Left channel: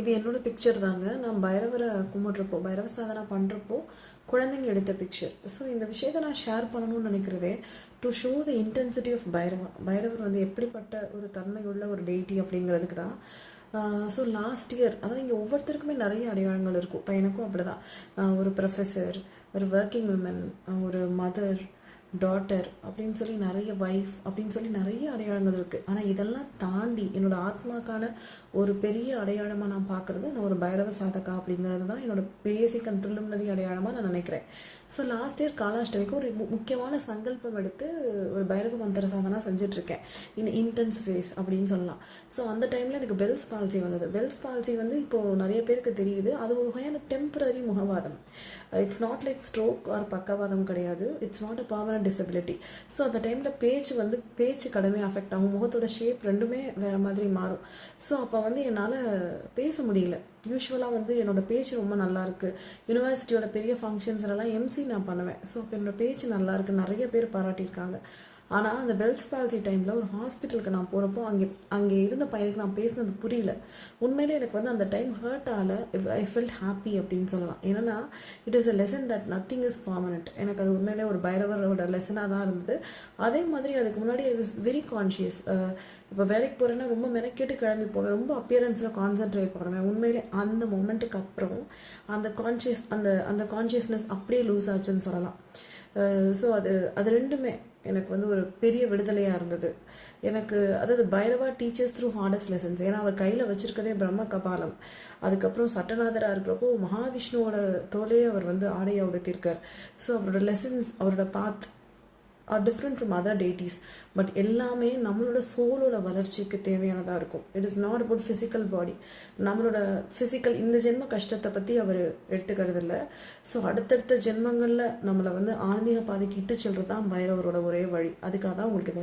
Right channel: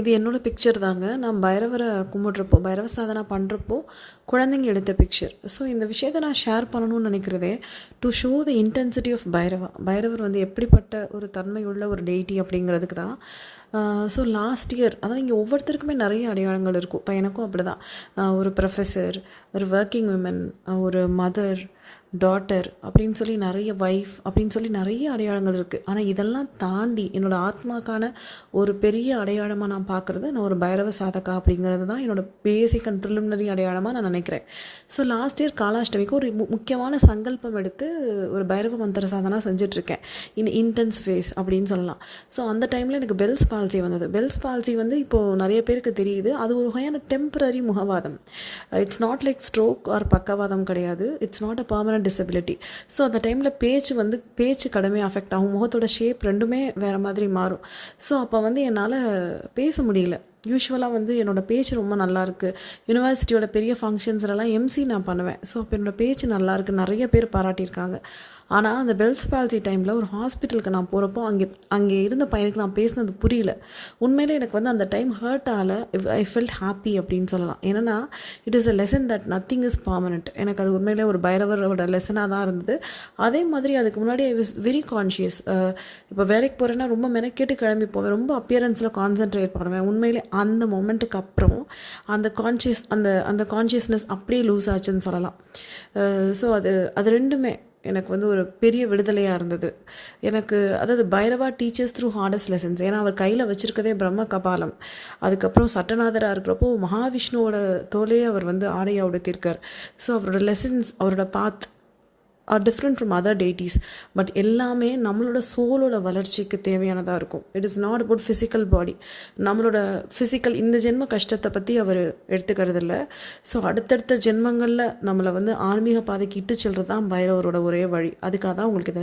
இது என்னோட பிக்சர் தாங்க. நான் பைரவரை கும்பிட்றப்போ, பைரவ சாதனா பண்ணுறப்போ குழந்தைங்க எடுத்த பிக்சர். ஸோ இந்த விஷயத்தை நான் ஷேர் பண்ணணும்னு நினைக்கிறதே to show the intensity of Bhairava. Bhairavar வந்து எப்படிப்பட்ட ஒரு தன்மையுள்ள ஒரு டெய்ட்டி அப்படிங்கிறதுக்கு தான். ஸோ லாஸ்ட் இயர் அதாவது இங்கே ஒவ்வொருத்தருக்குமே நிறைய அடையாளங்கள் இருக்கும். இப்போ எனக்கும் அப்படி தான். ஒரு ப்ரொஃபஸர், ஒரு ஒர்க்கிங் விமன், ஒரு மதர், டாட்டர் அப்படின்னு சொல்லி நிறைய ஒய்ஃப் அப்படின்னு சொல்லி நிறைய அடையாளங்கள் இருக்குது. ஆனால் இதெல்லாம் தாண்டி என்னோடய ஆத்மாக்கான ஒரு பெரிய அடையாளமாக நான் பார்க்குறது நான் ஒரு பைரவ சாதகா அப்படிங்கிறது தான் என்னோடய பேசிக் அண்ட் ப்ரிலிமினரி அடையாளமாக நான் நினைக்கிறேன். ஸோ லாஸ்ட் இயர் காலாஷ்டமிக்கு ஒரு முக்கியமான சங்கல்பம் எடுத்து ஒரு பைரவ மந்திர சாதனா செஞ்சிட்ருக்கேன். இன்டென்ஸ் ஃபேஸ் அப்படின்னு சொல்லலாம். ஸோ அந்த டைமில் எனக்கு பெல்ஸ் பால்சி வந்தது. பெல்ஸ் பால்சி வந்து இப்போது நிறைய பேருக்கு தெரியுது. அது ஒரு வகையான டெம்பரரி முகவாதம். It's not like stroke or பக்கவாதம் கிடையாது. It's not a permanent disability. So அந்த டைமில் பேச்சு கடுமையாக அஃபெக்ட் ஆகும். முகத்தோட ஷேப் ரெண்டுமே வேறு மாதிரி மாறும். ஸோ அப்போ வந்து என்னால் பேச முடியல. யூஸ்வலாக வந்து என்னோடய பேச்சு ரொம்ப நல்லாயிருக்கு. யூனிவர்சிட்டியோட பெரிய ஃபங்க்ஷன்ஸ்லாம் எம்சி நான் பண்ணுவேன். ஸோ அப்போ என்னோடய பேச்சு நல்லாயிருக்கு, நிறைய பேர் பாராட்டியிருக்காங்க. ஆனால் அந்த பெல்ஸ் பால்சி டைமில் ஒரு ஹாஸ்பிட்டலுக்கு நான் போகிறப்போ அங்கே இருந்த பையனுக்கு நான் பேசினது புரியல. உண்மையிலே எனக்கு வந்து அந்த டைம் ஹர்ட் ஆகலை. ஐ ஃபெல்ட் ஹாப்பி அப்படின்னு சொல்லலாம். ஏன்னா it is a lesson that nothing is permanent. எனக்கு அது உண்மையிலே ஒரு பைரவரோட லெசனாக தான் இருந்தது. அதே மாதிரி அதுக்கு முன்னாடி ஐ வாஸ் வெரி கான்ஷியஸ். இப்போ வேலைக்கு போகிறேன்னா ரொம்ப மெனக்கேட்டு கிளம்பி போவேன். ரொம்ப அப்பியரன்ஸில் கான்சென்ட்ரேட் பண்ணுவேன். உண்மையிலே அந்த மொமெண்ட்டுக்கு அப்புறம் அந்த கான்ஷியஸ்னஸ் அப்படியே லூஸ் ஆச்சுன்னு சொல்லலாம். ஸோ அது ரெண்டுமே எனக்கு வந்து ஒரு பெரிய விடுதலையாக இருந்தது. எனக்கு அதாவது Bhairava teachers through hardest lessons. ஏன்னா அவர் கையில் வச்சுருக்கதே பிரம்ம கபாலம். அதுக்கப்புறம் சட்டநாதராக இருக்கிறப்போ மகாவிஷ்ணுவோட தோலையே அவர் வந்து ஆடையாக உடுத்திருக்கார். ஸோ அவரோட லெசன்ஸ், அவரோட path are different from other deities. But எல்லாமே நம்மளோட சோலோட வளர்ச்சிக்கு தேவையானதாக இருக்கும். It is not about physical body. நம்மளோட ஃபிசிக்கல் இந்த ஜென்ம கஷ்டத்தை பற்றி அவர் எடுத்துக்கிறது இல்லை. ஸோ அடுத்தடுத்த ஜென்மங்களில் நம்மளை வந்து ஆன்மீக பாதைக்கு இட்டு செல்வது தான் பைரவரோட ஒரே வழி. அதுக்காக தான் உங்களுக்கு இதை